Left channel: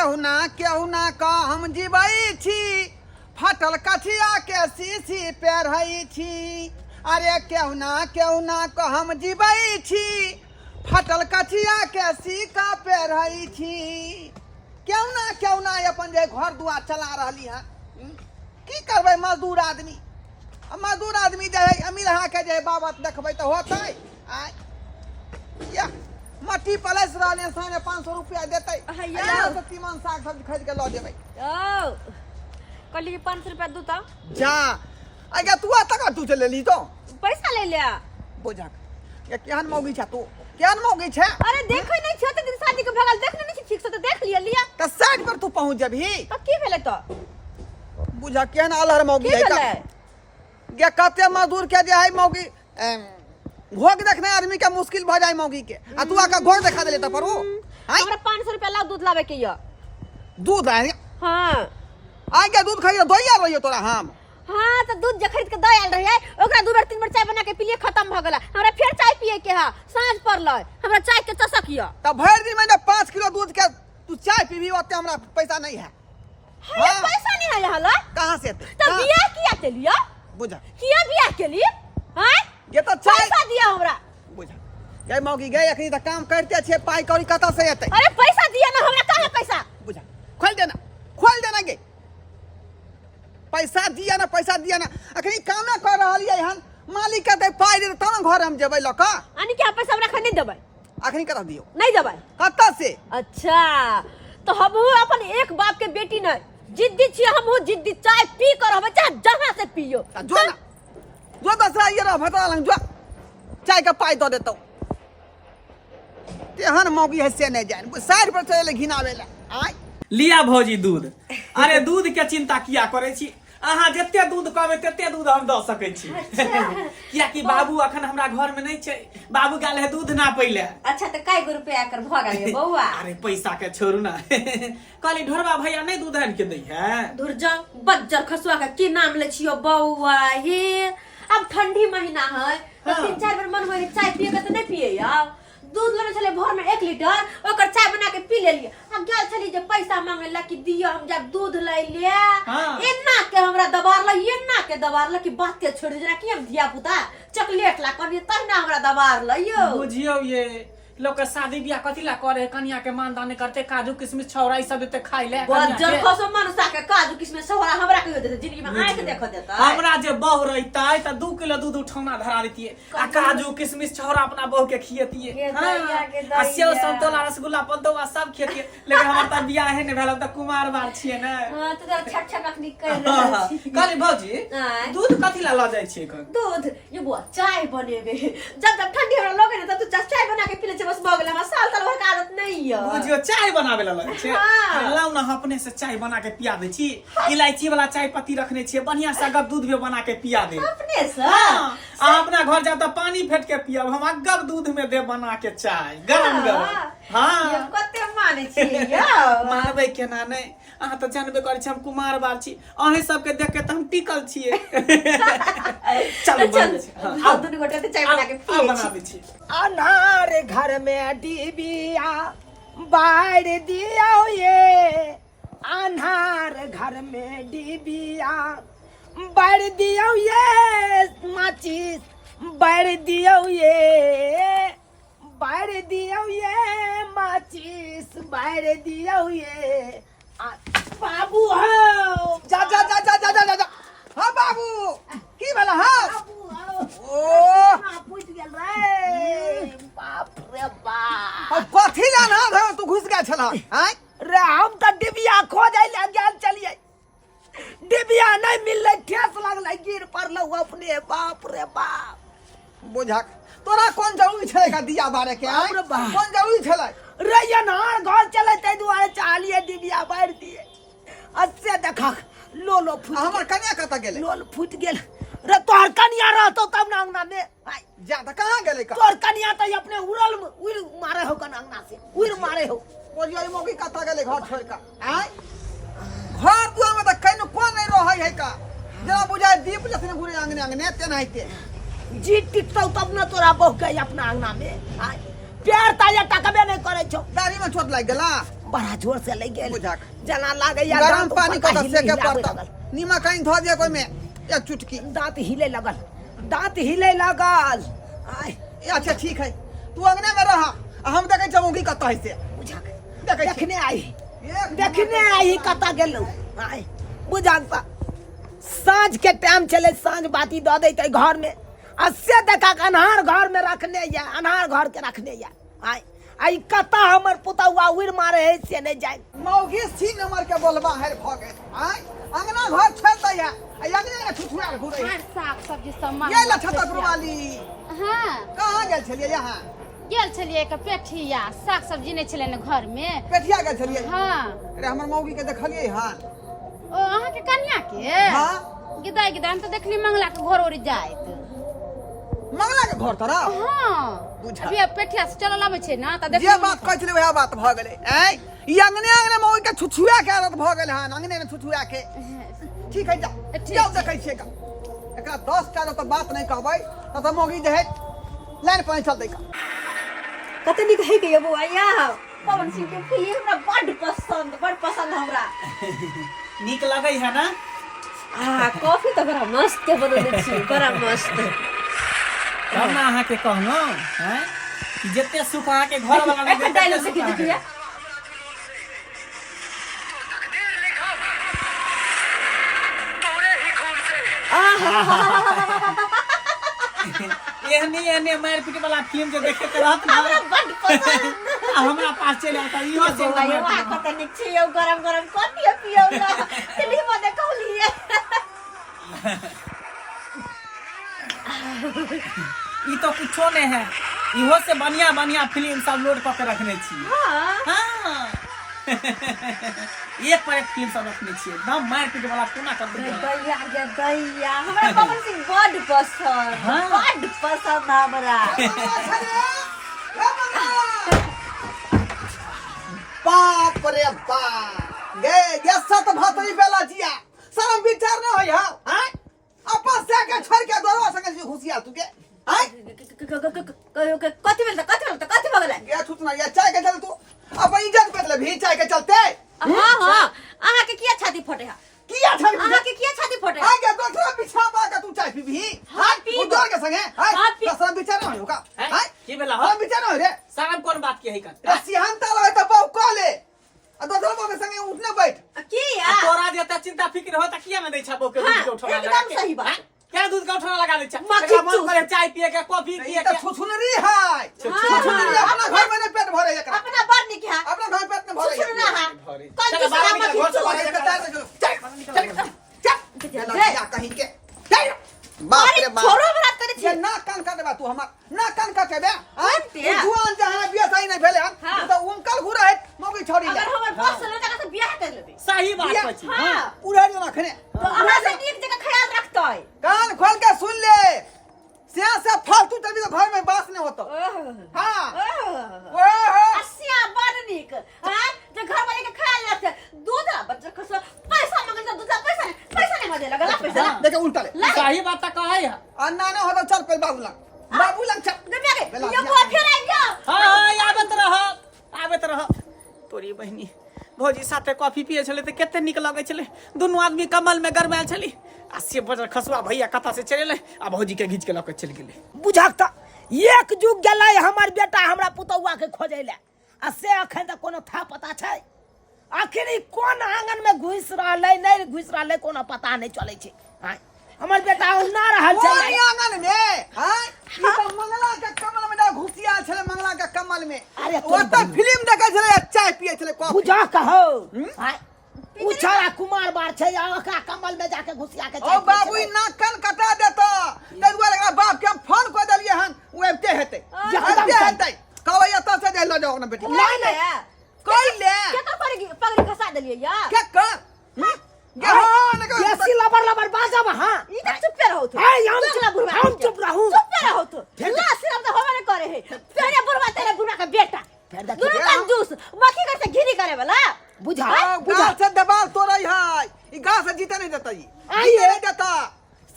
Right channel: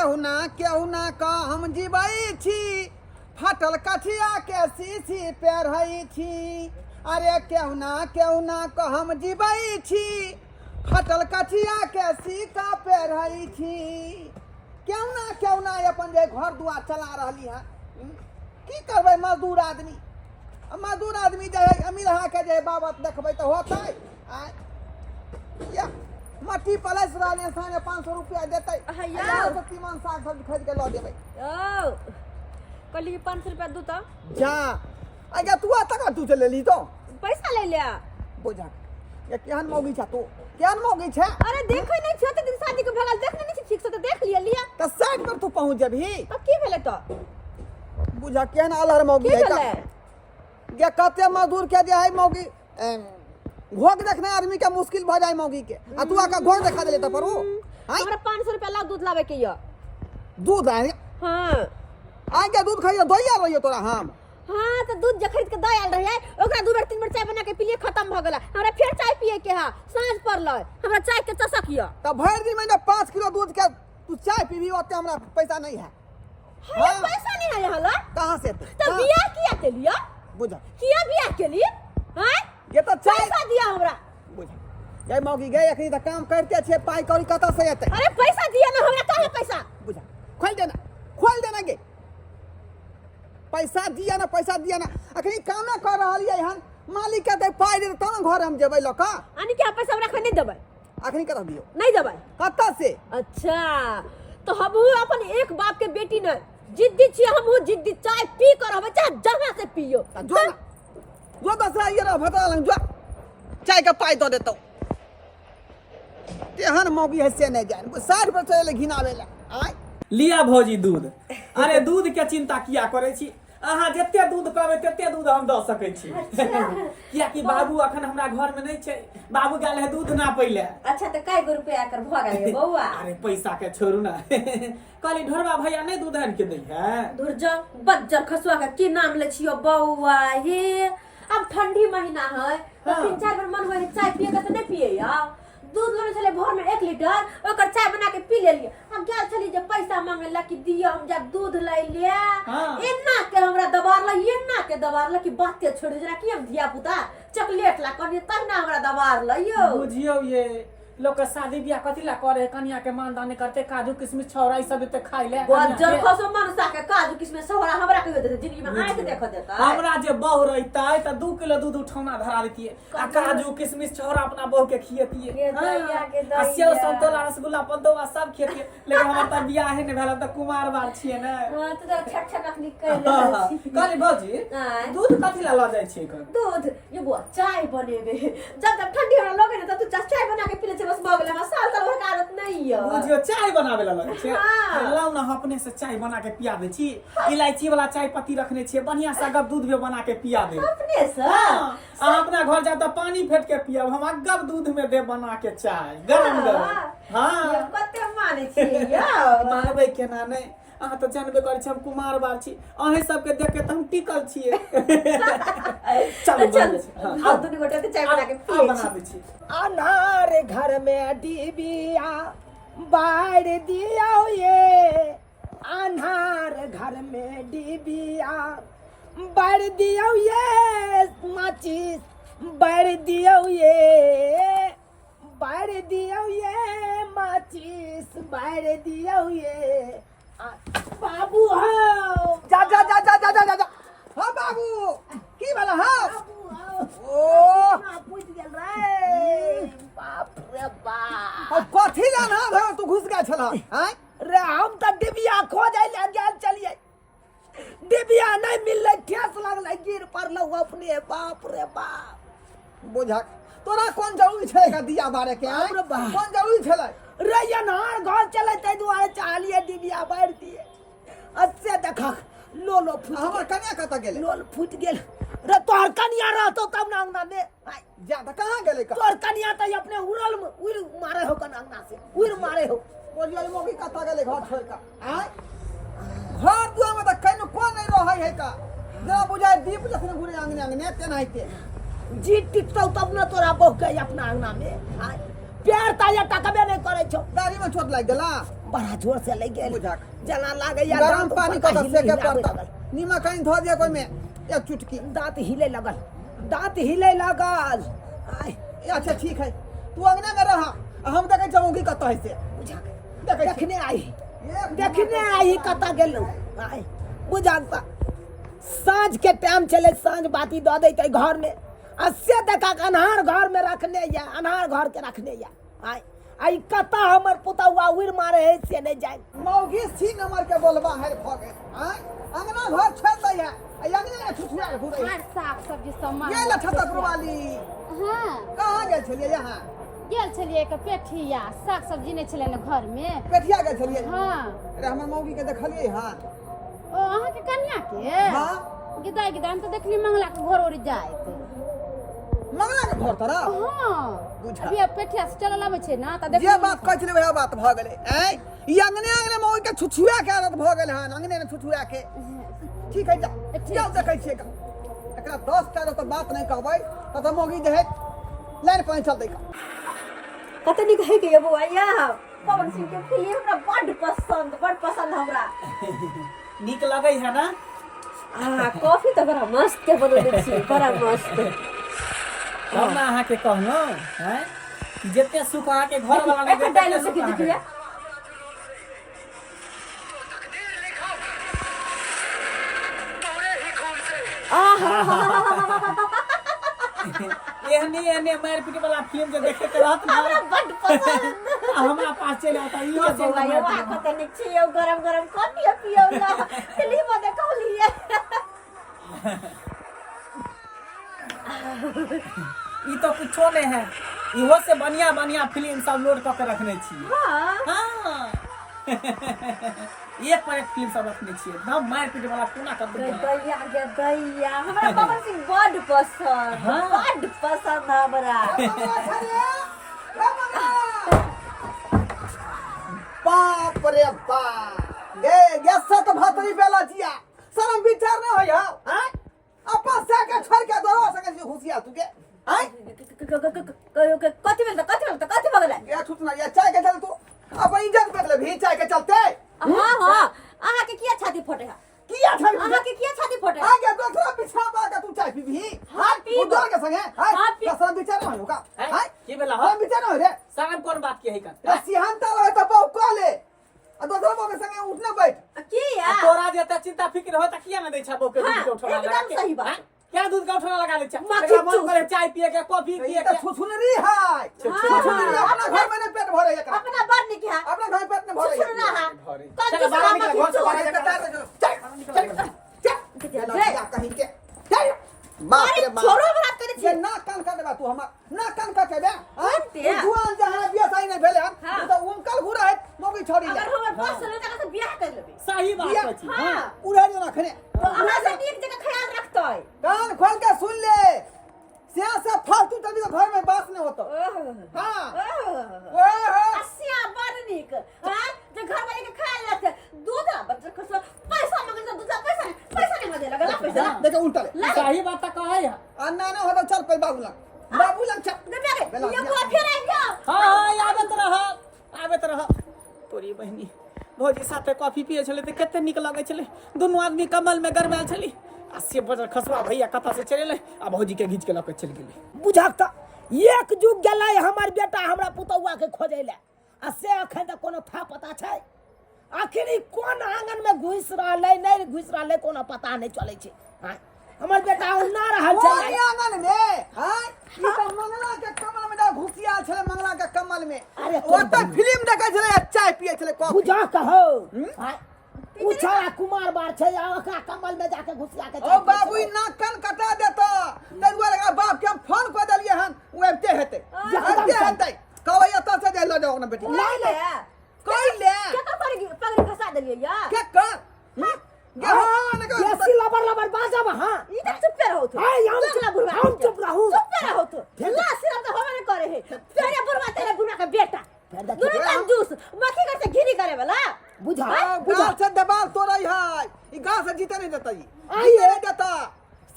केहू ना का हम जीवई छी फटल कछिया के शीशी पेरहई छी। अरे केहू ना का हम जीवई छी फटल कछिया के सीका पेरहई छी। केहू ना अपन जे घर दुआर चला रही है की करबै मजदूर आदमी जे है अमीर के जे बाबत देखबै तो होतै। या मट्टी पलस रहले साने 500 रुपया देतै तो तीमन साग सब्जी खरीद के ल देबै। कल 500 रुपया दू तो जा आगे तू तक तू चले ली तो पैसा ले लिया बुझा ये केहन मौगी छ तू केहन मौगी छ। अरे देखै नै छ त दिन शादी के भगल देखने नै छ ठीक से त देख लिया त साइड पर तू पहुंच जबही त की भेलै त बुझा केहन अलहर मौगी है का गे कते मजदूर के जे है मौगी घोग देखने आदमी के मुश्किल भ जाए मौगी के आ तू आका घोग देखा देले त परो हमरा 500 रुपया लाग दूध लावे के य दूध है। हां आगे दूध खरीद दोइया रहियो तोरा हम। हां त दूध जे खरीद के द आयल रहिए ओकरा दू बार तीन बार चाय बना के पिलिए खत्म भ गेला। हमरा फिर चाय पिए के हा सांझ पड़लै हमरा चाय के चसक य त भर दिन में 5 किलो दूध के तू चाय पीबी ओते हमरा पैसा नहीं है। हां पैसा नहीं है यहाँ ला कहां से त बियाह किया के लिया बुझा किया बियाह के लिए हां ये तो पैसा दिया हमरा बुझा गई मौगी गई अखनी त काम करते छे पाई कौड़ी कता से एते। अरे पैसा दिया ना हमरा कहां पैसा बुझा खोल देना गे पैसा दिया ना अखनी काम ना कर रहल है हन मालिक के दे पाई दे त न घर हम जेबै ल का आनी के पैसा हमरा खने देबै अखनी कता दियो नहीं देबै कता से। अच्छा तो हमहू अपन एक बाप के बेटी न जिद्दी छी हमहू जिद्दी चाय पी कर हम चाहे जहां से पियो जो दस ये रह भता लंग जो चाय का पाई दो देतो तेहन मौगी है से नहीं जान साइड पर चले घिनावेला आय लिया भौजी दूध। अरे दूध के चिंता किया करे छी अहाँ जते दूध कहबै तते दूध हम द सकै छी। किया कि बाबू अखन हमरा घर में नहीं छै बाबू गेल है दूध ना पहिले। अच्छा तो काय गो रुपया कर भ गेल बौआ अरे पैसा के छोड़ू ना कहली ढोरबा भैया नहीं दूध आन के दै है धुर जा बज्जर खसुआ का की नाम ले छियो बौआ हे अब ठंडी महीना है तो 3-4 बार मन होय चाय पिए के त नहीं पिए या दूध लेने चले भोर में 1 लीटर ओकर चाय बना के पी ले लिए। हम गेल छली जे पैसा मांगेला कि दियो हम जा दूध लै ले एना के हमरा दबारला एना के दबारला कि बात के छोड़ जरा कि हम धिया पुता चॉकलेट ला कनी तहना हमरा दबारला यो बुझियो ये लोग के शादी बियाह कथी ला करे कन्या के मानदान करते काजू किशमिश छौरा ई सब देते खाइ ले बज्जर खसो मनसा के काजू किशमिश छौरा हमरा के देते जिंदगी में आंख देखो देता हमरा जे बहु रहितै त 2 किलो दूध उठौना धरा देतिए आ काजू किशमिश छौरा अपना बहू के खियतिए आ सेव संतोला रसगुल्ला पन्तोवा सब खियतिए लेकिन हमर त बियाह है ने भेल त कुमार बार छिए ने। हां त छट छट अखनी कह रहल छी कहली भौजी दूध कथी ला ल जाय छी एखन दूध ये बुआ चाय बनेबे जब ठंडी हमरा लगे न त तू चाय बना के पी ले बस भ गेल हमरा साल साल भर के आदत नहीं है। बुझियो चाय बनावे ला लगे छै लाउ ना अपने से चाय बना के पिया दे छी इलायची वाला चाय पत्ती रखने छी बढ़िया से अगब दूध भी बना के पिया दे अपने से हां अपना घर जा त पानी फेट के पियब हम अगब दूध में दे बना के चाय गरम हां ये कते माने छी या मानबै केना नै अहाँ त जानबे करै छी हम कुमार बाल छी अहे सब के देख के त हम टिकल छिए। चल हां दुनु गोटे चाय बना के पिए बना दे छी। अनार घर में डिबिया बाढ़ दिया ये अनार घर में डिबिया बाढ़ दिया ये माचिस बाढ़ दिया ये बाढ़ दिया ये माचिस बाढ़ दिया ये बाबू हो जा हां बाबू की भेला हां ओ पूछ गेल रे बाप रे बाप कथी जाना घर तू घुस गया छला हैं रे हम त डिबिया खोजै ले गेल चलिए डिबिया नहीं मिलले ठेस लगले गिर पड़लो अपने बाप रे बाप बुझा तोरा कौन जरूरी छले का दिया बारे के कौन जरूरी छले रे ये नार घर चले तै दुआरे चालिए डिबिया बार दिए अच्छे देखा लोलो फुट हमर कन्या कत गेले लोल फुट गेल रे तोहर कन्या रहतो तब ना अंगना में जा त कहां गेले का तोहर कन्या त अपने उड़ल उड़ मारे हो कन अंगना से उड़ मारे हो बोलिए मौकी कत गेले घर छोड़ का हैं घर दुआ में त कहीं कोन नहीं रहै है का जरा बुझाय दीप जखने घुरे अंगने तेनाइते जी टिकतौ तब न तोरा बहु के अपना अंगना में प्यार ताया टकबे नहीं करे छौ दाढ़ी में चोट लग गेला बड़ा जोर से लग गेल बुझाक। जना लागैया गरम दांत पानी ऊपर को का सेके हिलावे पड़ता लगल। नीमक कहीं धो दिया कोई में एक चुटकी दांत हिले लगल दांत हिले लगल आय अच्छा ठीक है तू अंगने में रहा हम देखे जमोगी कत है से बुझाक देखै छी। देखने आई एक देखने आई कता गेलौ आय बुझाक साँझ के टाइम चले साँझ बाती दऽ दैते घर में अस्से टका के अनहार घर में रखने या अनहार घर के रखने या आय आई कता हमर पुतौआ उड़ मारे है से नहीं जाए मौगी सी नंबर के बोलबा है भगे आय अंगना घर छोड़ दे या अंगने में ठुठुआ घुरे हर साग सब्जी सामान ये लठता पुरवाली हाँ कहाँ गेल छलिए यहाँ गेल छलिए के पेठिया साग सब्जी नहीं छले न घर में पेठिया गेल छलिए हाँ अरे हमर मौगी के देखलिए हां ओ अहाँ के कन्या के हाँ गिदाई गिदाई हम तो देखली मंगला के घर ओरी जाइत मंगला के घर तरफ हाँ बुझा। अभी अब पेठिया से चलल आबै छै ना त जे देखली बात कहै छलै वएह बात भ गेलै ऐ ई अंगने मौगी के छुछुआ के आदत भ गेल हन अंगने में छुछुआ के ठीक है जा ठीक जाओ देखै छियै का एकरा 10 टा तो बात नहीं कहबै त मौगी जे है लाइन पर चल दै का कते निक है के बउआ या पवन सिंह के फिल्म हमरा बड़ पसंद हमरा नीक लगै है ना कॉफी तो बड़ा मस्त के बनले छी बड़ा मस्त तब ना अहाँ के कहनो हैं कि जते सुख अहाँ के घर वाला में एक डायलॉग से देखिए एहने मार पीट वाला फिल्म जो देखे के रहत ना बड़ पसंद हमरा पास चल आता इहो से बउआ वहाँ कते निक छी यो गरम गरम कॉफी पियो ना फिल्म में देखौलिए ई तो कुछो नहीं है इहो से बढ़िया फिल्म सब लोड करके रखने छी हां हां एक पर एक फिल्म सब रखने छी एकदम मार पीट वाला कोना कर दे गैया हमरा पवन सिंह बड़ पसंद बड़ पसंद हमरा बाप रे बाप गे गेसत भातरी बेला जिया शरम विचार न होय हा हैं अपन से के छोड़ के दोरो संगे घुसिया तू के हैं कथी बगल ये छुटना ये चाय के चल तू अब इज्जत बदले भी चाय के चलते हां हां अहाँ के किया छाती फटे है किया था अहाँ के किया छाती फटे है आगे दूसरा पीछा बागा तू चाय पीबी हाँ, पीब। उधर के संगे हाँ, पीब। शरम विचार न होगा हैं? हैं की बेला हो? शरम विचार न हो रे साहब कौन बात की है कर रसियान ताला है तो बहु कॉले आ दूसरा बाग के संगे उठने बैठ किया तोरा जेता चिंता फिक्र होता किया न दै छा बो के दूध के उठौना एकदम लगा के? सही बात। हैं? क्या दूध का उठौना लगा दै छा मक्खी एकरा मन चूस। करे चाय पिए के कॉफी ये पिए तो के छुछुनरी है छुछुनरी अपना घर में नहीं पेट भरे एकरा अपना बड़ निक है अपना घर पेट में भरे सुन ना भरे कौन चल, बाहर दूसरा निकल, मक्खी घर से बाहर चूस। निकल। चल कहीं के चल बाप अरे रे बाप छोरो बात करे ये छी ना कान काट बा तू हमर ना कान काटे बे काटे? जुआन जहां बिया सही नहीं भेले हम हाँ। तो उनकल घुरा है मौगी छोड़ी अगर जा हमर पास चले जगह से बियाह कर लेबे सही बात बिया- कहै छी हां उड़ा जो ना खने तो अहाँ से नीक जगह ख्याल रखतै कान खोल के सुन ले सिया से फालतू तभी तो घर में बास नहीं होतो हां ओहो अस्या बड़ निक हां जो घर वाले के ख्याल रखते दूध बच्चा को पैसा मांगे तो दूध पैसा नहीं मजे लगला पैसा ला देखे उल्टा ले सही बात त कहै है अन्ना ना हो तो चल पे बाबू लग चल दे के बेला, ये बुआ फिर आई गया हां आबत रह तोरी बहिनी भौजी साथे कॉफी पिए छले त कते निक लगै छले दोनों आदमी कमल में गरमाल छली आ से बजर खसवा भैया कता से चले आ भौजी के घीच के लके चल गेले बुझाक एक जुग गेलै हमर बेटा हमरा पुतौआ के खोजै ले आ से अखन तक कोनो था पता छै आखिर ई कोन आंगन में घुस रहलै नहीं घुस रहलै कोनो पता नहीं चलै छै हां हमर बेटा ओना रहल छै वाली आंगन में हां ई तो मंगला के कमल में ना घुसिया छले मंगला के कमल में अरे वो तो फिल्म देखे छले चाय पिए छले कॉफी बुझा कहो हां उछारा कुमार बार छै ओकरा कमल में जाके घुसिया के ओ बाबू ई नाक कान कटा देता तै दुआरे एकरा बाप के हम फोन क देलिए हन ओ एते हेतै एते हेतै कहबै एत से दे लो जाओ ना बेटी नहीं ले कोई ले क्या कर पगड़ी खसा देलिए यार क्या कर गे हां ने के ऐसी लबर बाजा हां ई त चुप रहो तू हां हम चला बुढ़वा हम चुप रहूं चुप रहो तू ला सिर्फ तो होवे न करे है तेरे बुढ़वा तेरे बुढ़वा का बेटा फिर देखिए दोनों कंजूस मक्खी करते घिरी करे वाला बुझा गाल से दबाव तोड़ै है ई गाल से जीते नहीं देता ई आइए। नहीं देता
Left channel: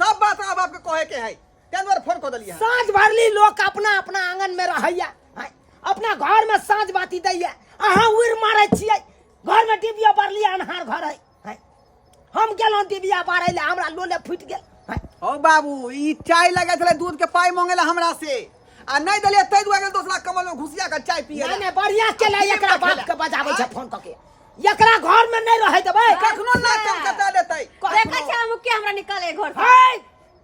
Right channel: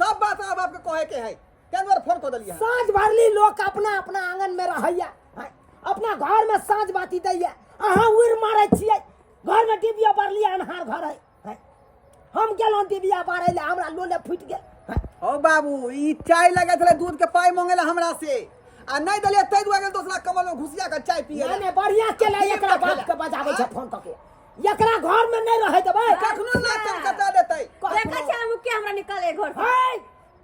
सब बात अब आपके कहे के है तेन बार फोन क देलिए साँझ भरली लोग अपना अपना आंगन में रहैया हां, अपना घर में साँझ बाती दैया अहाँ उड़ मारै छियै घर में टीवी पर लिया अनहार घर है हम गेलौं टीवी पर ले हमरा लोले फुट गेल हैं? ओ बाबू ई चाय लगे छले दूध के पाई मांगेला हमरा से आ नहीं दलिए तै दुआ गेल दोसरा कमल में घुसिया के चाय पिए नहीं बढ़िया केला एकरा बाप के बजाबै छै फोन क के एकरा घर में नहीं रहे देबै कखनो ना कम कटा देतै देखै छै हम के हमरा निकाले घर से है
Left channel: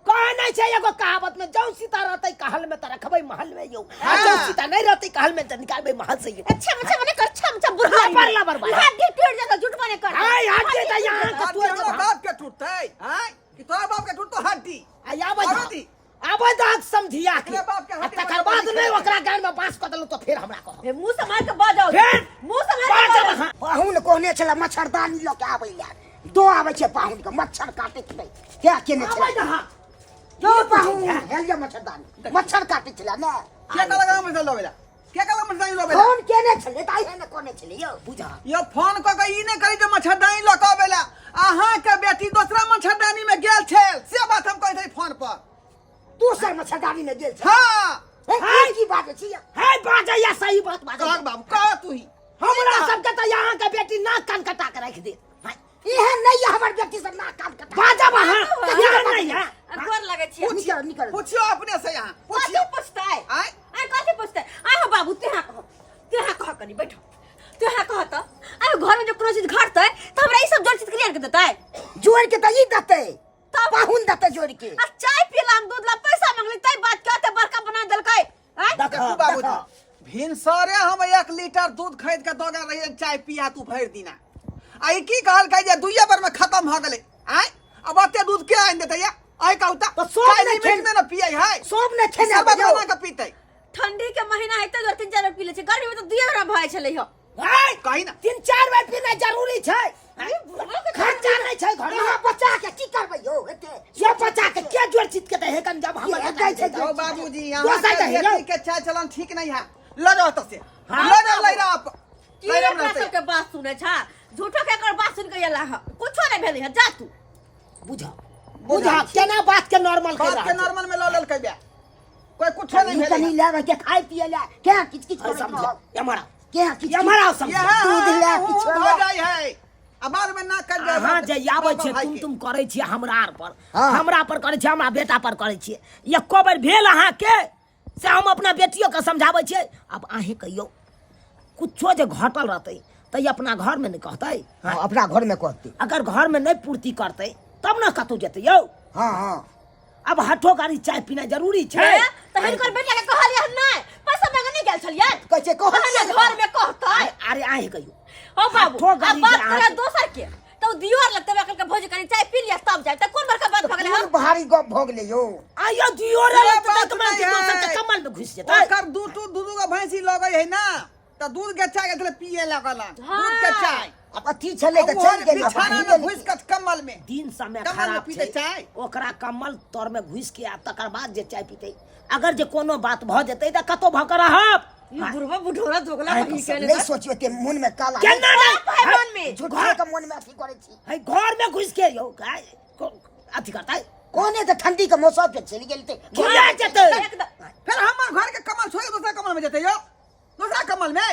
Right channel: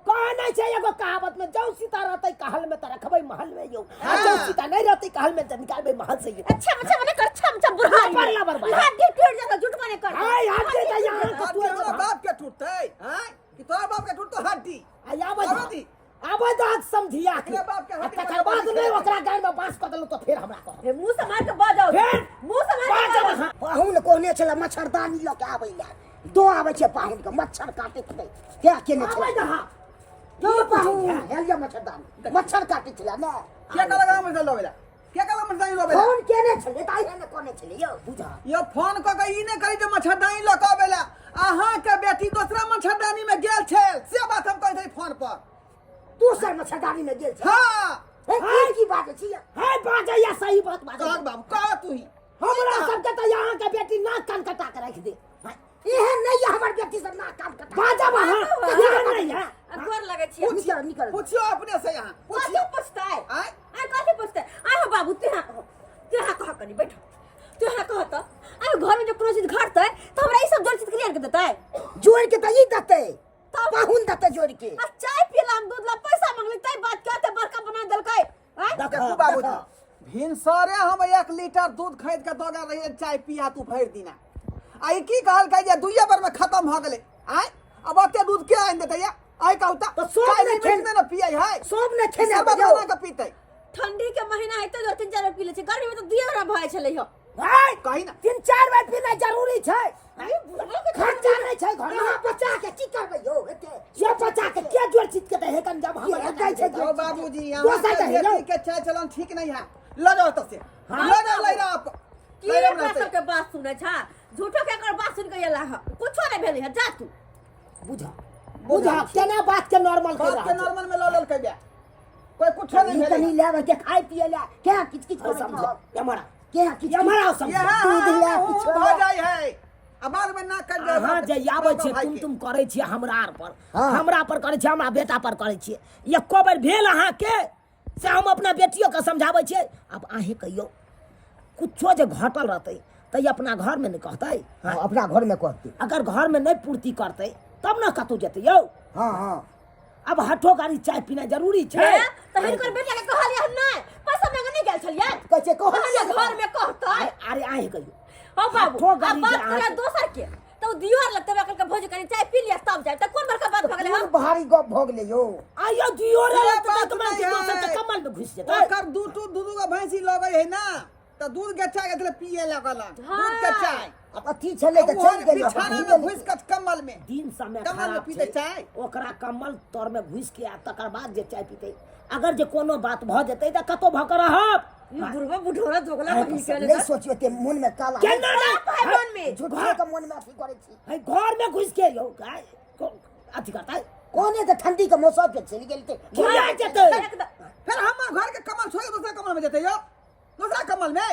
कहे नहीं छै एगो कहावत में जौ सीता रहतै कहल में त रखबै महल में यौ आ जौ सीता नहीं रहतै कहल में त निकालबै महल से यौ अच्छा अच्छा मने कर छम बुढ़ा परला बरबाद हड्डी टूट जाता झूठ माने कर है हड्डी त यहां के तोरा तोड़ बाप के टूटतै हैं कि तोरा बाप के टूटतो हड्डी आबै आबै दाग समझिया के एकरा बाप के हड्डी तकर बाद नहीं ओकरा गान में बांस क देलौ तो फिर हमरा कह मुंह से मार के बाजाओ फिर मुंह से मार के बाजाओ पाहुन कोने छला मच्छरदानी ल के आबै ला दो आबै छै पाहुन के मच्छर काटे छै क्या केने छै जो पाहुन हेलिया मच्छरदानी मच्छर काटे छला ना के का लगा में लोबेला के का लगा में लोबेला फोन केने छले ताई है ने कोने छले यो बुझा यो फोन क के ई ने करी जे मच्छरदानी लकावेला अहाँ के बेटी दूसरा मच्छरदानी में गेल छै से बात हम कहै छी फोन पर दूसर मच्छरदानी में गेल छै हां है की बात छै है बाजे या सही बात बाजे कह बाबू कह तू ही हमरा सब के त यहां के बेटी नाक कान कटा के रख दे इहे नहीं है हमर बेटी सब नाक कान कटा बाजा वहां नहीं है घर लगे छी निकल निकल पूछियो अपने से यहाँ कथी पूछतै आय आय कथी पूछतै आय हो बाबू तेहा कह कनी बैठो तेहा कह त आय घर में जो कोनो चीज घटतै त हमरा ई सब जोड़ चीज क्लियर के देतै जोड़ के त ई देतै तब पाहुन देतै जोड़ के आ चाय पीलाम दूध ला पैसा मांगली तै बात कहते बड़का बना देलकै आय देखू बाबू भिनसरे हम 1 लीटर दूध खरीद के दोगा रही चाय पिया तू भर दिना आई की कहल कह जे दुइये बार में खत्म हो गेलै आय अब अते दूध के आइन देतै या आय कहूता तो सब ने खेन में न पियै है सब ने खेने सब बजो बना के पीतै ठंडी के महीना है त 2-3 बार पी ले छै गर्मी में त 2 बार भय छलै हो हाय कहि ना 3-4 बार पीना जरूरी छै खर्चा नहीं छै घर में बच्चा के की करबै यौ एते ये बच्चा के के जोड़ चित के दे हेकन जब हम कहै छै ओ बाबूजी यहाँ के बेटी के चाय चलन ठीक नहीं है ल जाओ तो से ल जाओ ले रहा की एकरा सब के बात सुनै छा झूठो के एकर बात सुन के एला कुछो नहीं भेलै है जा तू बुझा केना बात के नॉर्मल के बात के नॉर्मल में ल लेल कह कोई कुछ नहीं भेलै कनी लेवे के खाई पिए ला क्या किच किच कर समझ हमारा क्या किच हमारा समझ दूध ले किछ हो जाय है अब बाद में ना कर जाय हां जे आबै छै तुम करै छी हमरा आर पर हमरा पर करै छी हमरा बेटा पर करै छी एको बेर भेल अहाँ के से हम अपना बेटियों के समझाबै छियै अब अहे कहियो कुछो जे घटल रहतै त अपना घर में नहीं कहतै अपना घर में कहती अगर घर में नहीं पूर्ति करतै तब ना कतौ जेतै यौ हाँ हाँ अब हठो गाड़ी चाय पीना जरूरी छै त हिनकर बेटा के कहलियै नहीं पैसा मांगे नहीं गेल छलियै कैसे कहलियै घर में कहतै अरे आहे कहियो हो बाबू हठो अब गाड़ी बात जे करे अहाँ- दोसर के तो दियोर लगते बकल के भोज कनी चाय पी लिया तब जाए त कोन बड़का बात भ गेलै हम भारी गप भोग ले यो आयो दियो रे ये त बात कमल नहीं है। दोसर के कमल में घुस जेतै ओकर दूध का भैंसी लगै है ना त दूध के चाय के पिए लगल दूध के चाय अब अथी छले त चल गेल बिछाना में घुस के कम्बल में दिन समय कमल में खराब पीते छै चाय ओकरा कमल तर में घुस के आ तकर बाद जे चाय पीते अगर जे कोनो बात भ जेतै त कतो भ कर रहब ई बुढ़वा बुढ़ोरा जोगला बही के नहीं सोचियो ते मन में काला केना रे भाई मन में झूठे के मन में अथी करे छी है घर में घुस के यौ गाय अथी करतै कोने त ठंडी के मौसम पे चली गेल ते खिया जेतै एकदम फिर हमर घर के कमल छोड़ के दूसरा कमल में जेतै यो दूसरा कमल में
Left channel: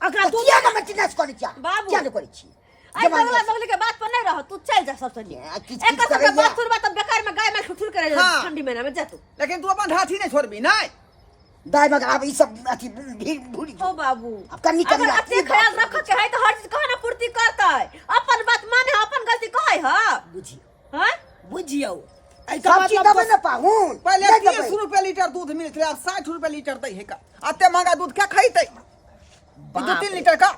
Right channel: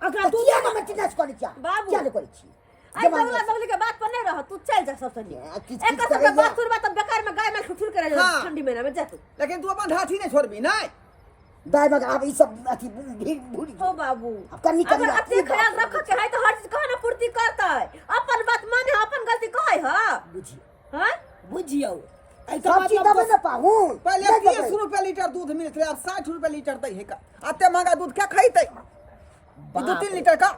अकरा तू किया के मेंटेनेंस करे छी बाबू। क्या नहीं करे छी आई बगला बगली के बात पर नहीं रह तू चल जा सबसे किच एक किच सब करे के बात सुनबा त बेकार में गाय में ठुठुर करे हाँ। ठंडी महीना में जा तू लेकिन तू अपन ढाठी नहीं छोड़बी नहीं दाई मगर अब ई सब अथी भीड़ भूरी हो बाबू अब कनी अगर अपने ख्याल रख के है तो हर चीज कहे ना पूर्ति करतै अपन बात माने अपन गलती कहे ह बुझी हैं बुझियो ऐ सब चीज दबे न पाहू पहले 30 रुपए लीटर दूध मिलत रहे अब 60 रुपए लीटर दै है का अते महंगा दूध क्या खैतै 2-3 लीटर का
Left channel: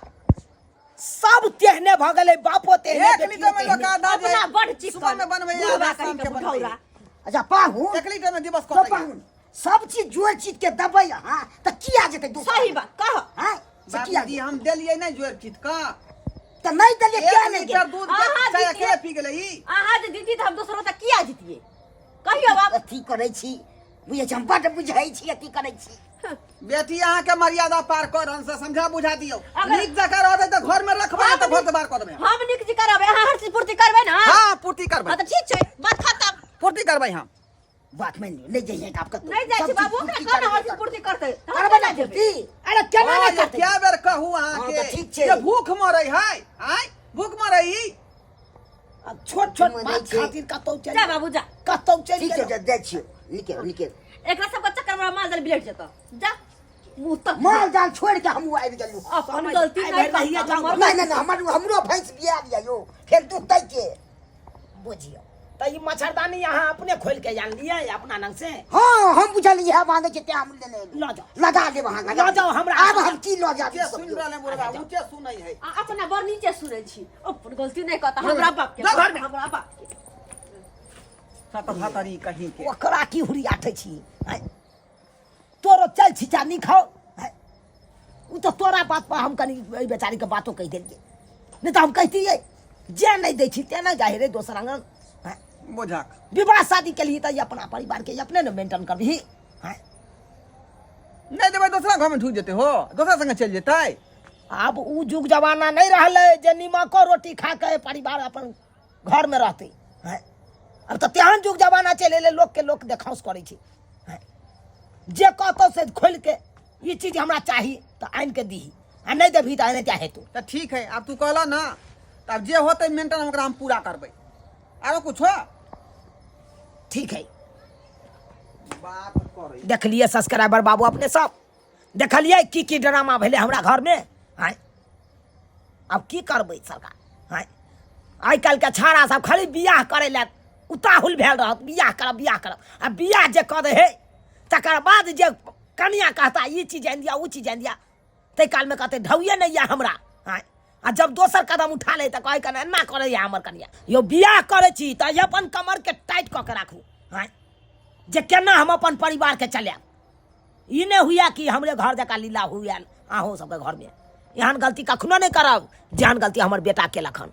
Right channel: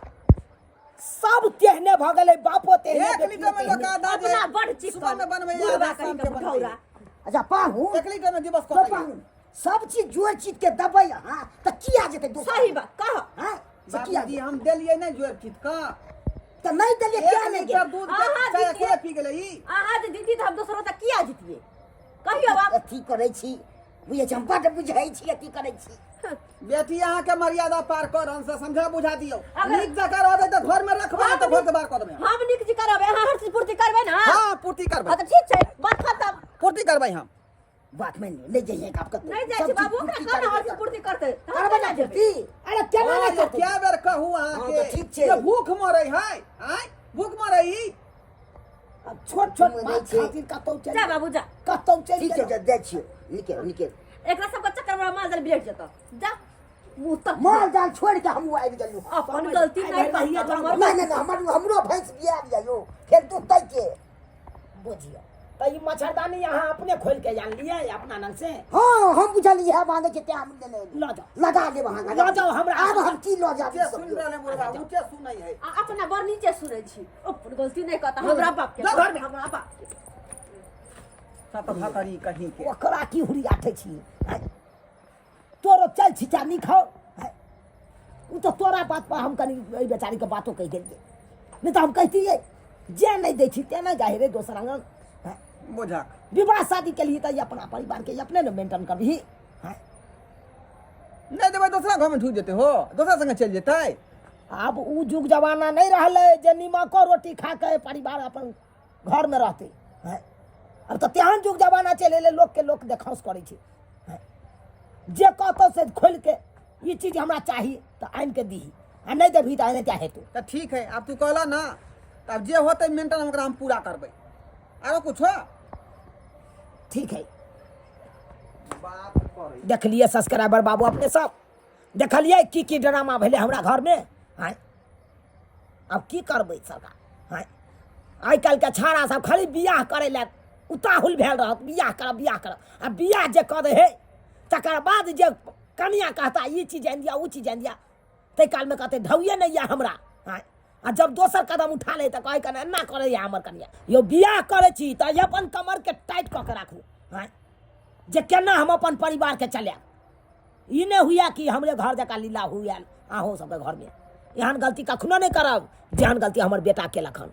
सब तेहने भ गेलै बापो तेहने 1 लीटर में लोग आधा जे अपना बड़ चिकन सुबह में बनबै बुढ़वा या कहीं शाम के के बुढ़ौरा बनबै अच्छा पाहू 1 लीटर में दिवस तो कटै पाहू सब चीज जोड़ चीज के दबे हां त किया जेते दूसरा सही बात कह हां से किया बाबूजी हम देलियै नहीं जोर चीज का त नहीं दले क्या 1 नहीं लीटर दूध के आहा, चाय दीदी। अकेले पी गेलै ई आहा जे दीदी त हम दोसरो त किया जीतिए कहियो बाप अथी करे छी बुझे छी हम बड बुझाई छी अथी करे छी बेटी अहाँ के मर्यादा पार कर हमसे समझा बुझा दियो अगर- नीक जका रहबै त घर में रखबै त घर से बाहर कर देबै हम निक जी करबै अहाँ हर चीज पूर्ति करबै ना हां पूर्ति करबै हां त ठीक छै बात खत्म पूर्ति करबै हम बात मान लो ले जाइए आपका तो नहीं जाइ सब छी चीज बाबू पूर्ति ओकरा कर कान देगा। और पूर्ति करते करबे ना पूर्ति अरे केना हाँ, नहीं ये करते क्या बेर कहू हाँ, अहाँके तो ठीक छै। ये भूख मरै है आय भूख मरै छोट छोट मरे बात छै। खातिर कतौ चल जा बाबू जा कतौ चल ठीक छै दे छियो निकल निकल एकरा सबके चक्कर में माल जाल बिलट जेतो जा मुंह तक माल जाल छोड़ के हम आबि गेलू अपन गलती नहीं करता हमर नहीं नहीं हमरो भैंस बिया दिया यो फिर तू तै के बुझियो तो ये मच्छरदानी यहाँ अपने खोल के जान लिया अपना नंग से हां हम बुझलिए है मांगे छै ते हम ले ले लो जाओ लगा दे वहां लो जाओ हमरा अब हम की लो जा के सुन रहले मुर्गा ऊंचे सुनै है अपना बर नीचे सुनै छी अपन गलती नहीं करता हमरा बाप के जा घर में। हमरा बाप के सत भातरी कहीं के ओकरा की हुरी आठे छी आय तोरो चल छिचा नहीं खाओ आय उ तो तोरा बात पर हम कनी ए बेचारी के बातो कह देलिए नहीं तो हम कहतिए जे नहीं दै छी ते ना जाहि रे दोसर अंगन आय बोझाक विवाह शादी के लिए तो ये अपना परिवार के अपने न मेंटेन करबही आय नहीं देबै दोसरा घर में ढुक जेते हो दोसरा संगे चल जेतै अब उ जुग जमाना नहीं रहले जे नीमको रोटी खा के परिवार अपन घर में रहते हैं अब तो तेहन जुग जमाना चले ले लोग के लोग देखाउस करे छी हैं जे कहतो से खोल के ये चीज हमरा चाहिए तो आइन के दीही आ नहीं देबही तो आने चाहे तू तो ठीक है अब तू कहला ना तो अब जे होते मेंटेन ओकरा हम पूरा करबै आरो कुछ हो ठीक है बात करे देख लिए सब्सक्राइबर बाबू अपने सब देखलिए की ड्रामा भेले हमरा घर में हैं अब की करबै सरकार हैं आइ काल्हि के छाड़ा सब खाली बियाह करे ला उताहुल भेल रहत बियाह करब आ बियाह जे कऽ दे हे तकर बाद जे कनिया कहता ये चीज आनि दिया वो चीज आनि दिया ताहि काल में कहते ढौये नहीं या हमरा हैं आ जब दोसर कदम उठा ले तऽ कहे कने एना करे या हमर कनिया यो बियाह करे छी तऽ अपन कमर के टाइट कऽ के राखू हैं जे केना हम अपन परिवार के चलाएब ई नहीं हुआ कि हमरे घर जका लीला हुआ अहूँ सबके घर में एहन गलती कखनो नहीं करब जेहन गलती हमर बेटा केलक हन।